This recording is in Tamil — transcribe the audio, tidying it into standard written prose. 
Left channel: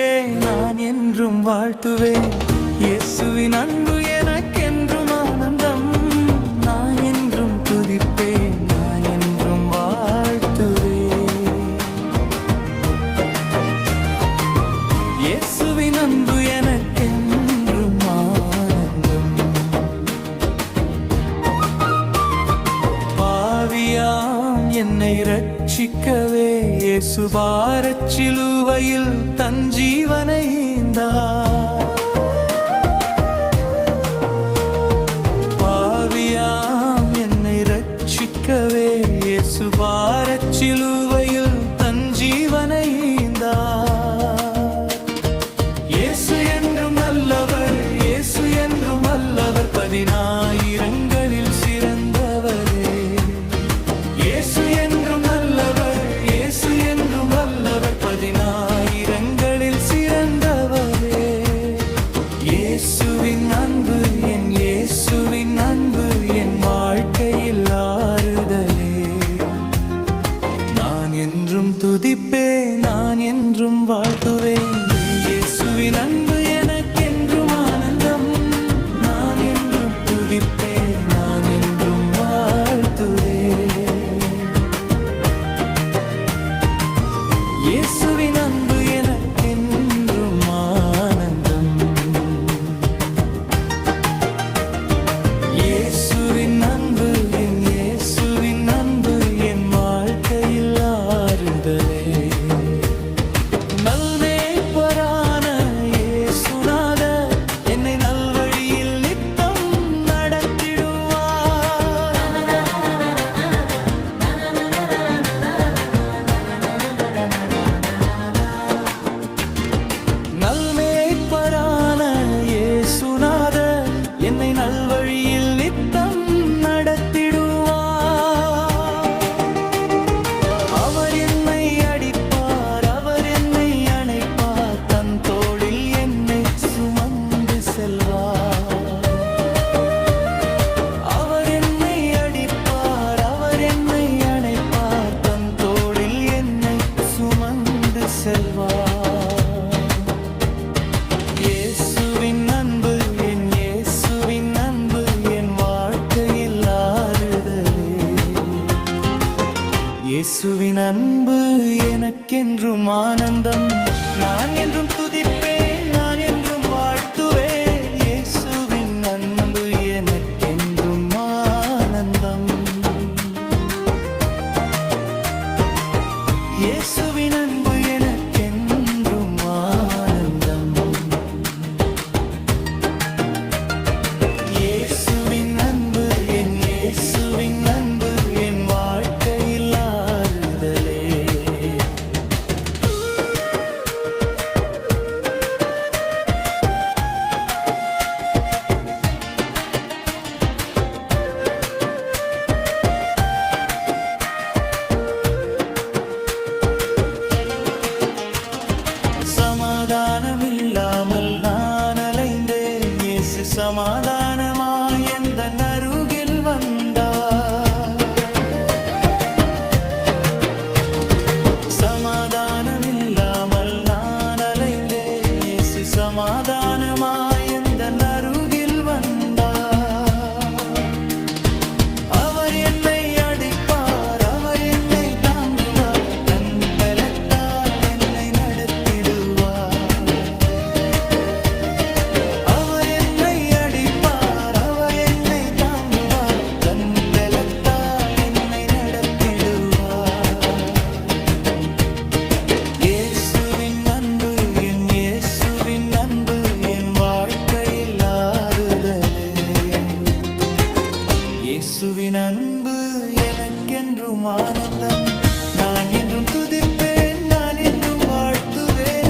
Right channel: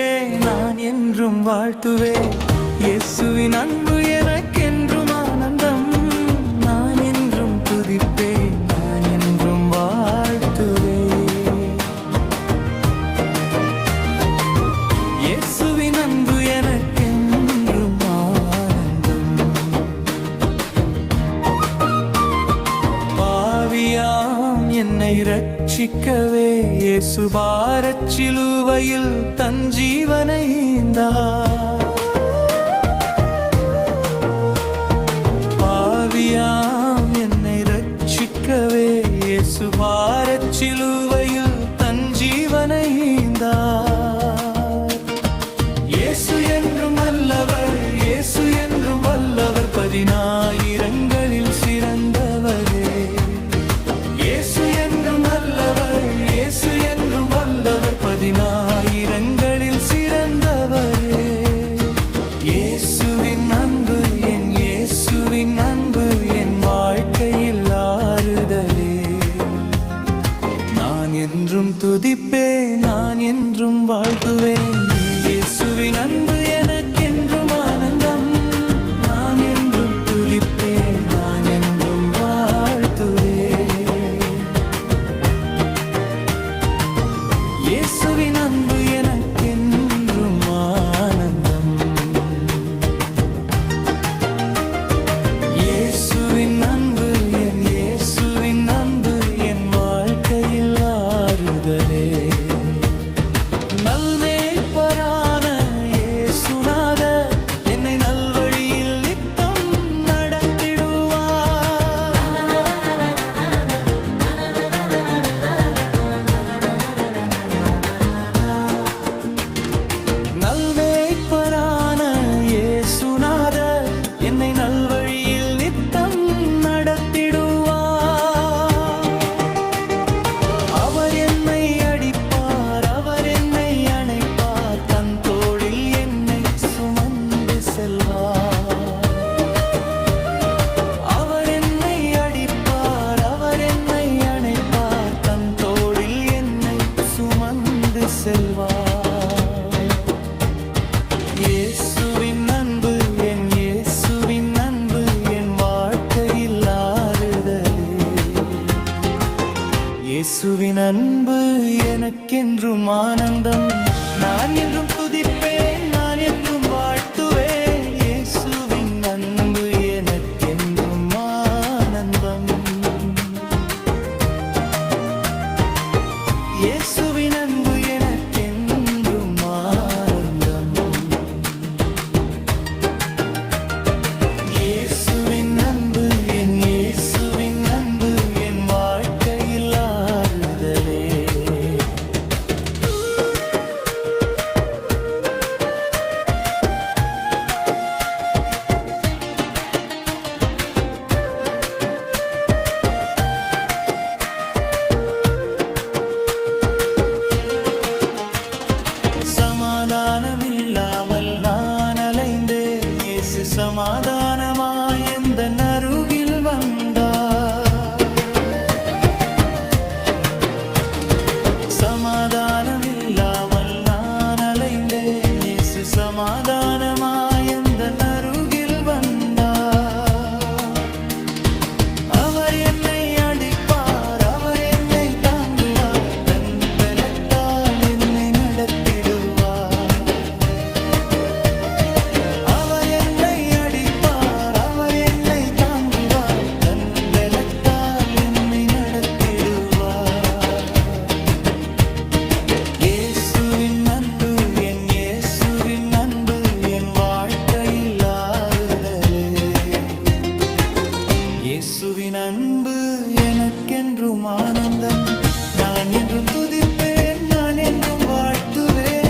துதிப்பேன், நான் என்றும் வாழ்த்துவேன். இயேசுவின் அன்பு எனக்கென்றும் ஆனந்தம். நான் என்றும் துதிப்பேன், நான் என்றும் வாழ்த்துவேன். இயேசுவின் அன்பு எனக்கென்றும் ஆனந்தம். பாவியாம் என்னை ரட்சிக்கவே இயேசு பாரச் சிலுவையில் தன் ஜீவனை ஈந்தார். பாவியாம் என்னை ரட்சிக்கவே இயேசு பாரச் சிலுவையில் தன் ஜீவனை ஈந்தார். இயேசு என்றும் நல்லவர், இயேசு என்றும் வல்லவர், 10,000ங்களில் சிறந்தவரே. இயேசு என்றும் நல்லவர், இயேசு என்றும் வல்லவர், 10,000ங்களில் சிறந்தவரே. இயேசுவின் அன்பு, என் இயேசுவின் அன்பு என் வாழ்க்கையில் ஆறுதலே. நான் என்றும் துதிப்பேன், நான் என்றும் வாழ்த்துவேன். இயேசுவின் அன்பு எனக்கென்றும் ஆனந்தம். நான் என்றும் துதிப்பேன், நான் என்றும் வாழ்த்துவேன். இயேசுவின் அன்பு எனக்கென்றும் ஆனந்தம். இயேசுவின் அன்பு, என் இயேசுவின் அன்பு என் வாழ்க்கையில் ஆறுதலே. நல்மேய்ப்பரான இயேசுநாதர் என்னை நல்வழியில் நித்தம் நடத்திடுவார். நல்மேய்ப்பரான இயேசுநாதர் என்னை நல்வழியில் நித்தம் நடத்திடுவார். அவர் என்னை அடிப்பார், அவர் என்னை அணைப்பார், தன் தோளில் என்னை சுமந்து செல்வார். அவர் என்னை அடிப்பார், அவர் என்னை அணைப்பார், தன் தோளில் என்னை சுமந்து செல்வார். இயேசுவின் அன்பு, என் இயேசுவின் அன்பு என் வாழ்க்கையில் ஆறுதலே. இயேசுவின் அன்பு எனக்கென்றும் ஆனந்தம். நான் என்றும் துதிப்பேன், நான் என்றும் வாழ்த்துவேன். இயேசுவின் அன்பு எனக்கென்றும் ஆனந்தம். இயேசுவின் அன்பு எனக்கென்றும் ஆனந்தம். இயேசுவின் அன்பு, என் இயேசுவின் அன்பு என் வாழ்க்கையில் ஆறுதலே. சமாதானமில்லாமல் நான் அலைந்தேன், இயேசு சமாதானமாய் எந்தன் அருகில் வந்தார். சமாதானமில்லாமல் நான் அலைந்தேன், இயேசு சமாதானமாய் எந்தன் அருகில் வந்தார். அவர் என்னை அடிப்பார், அவர் என்னை தாங்குவார், தன் பலத்தால் என்னை நடத்திடுவார். அவர் என்னை அடிப்பார், அவர் என்னை தாங்குவார், தன் பலத்தால் என்னை நடத்திடுவார். இயேசுவின் அன்பு, என் இயேசுவின் அன்பு என் வாழ்க்கையில் ஆறுதலே. இயேசுவின் அன்பு எனக்கென்றும் ஆனந்தம். நான் என்றும் துதிப்பேன், நான் என்றும் வாழ்த்துவேன்.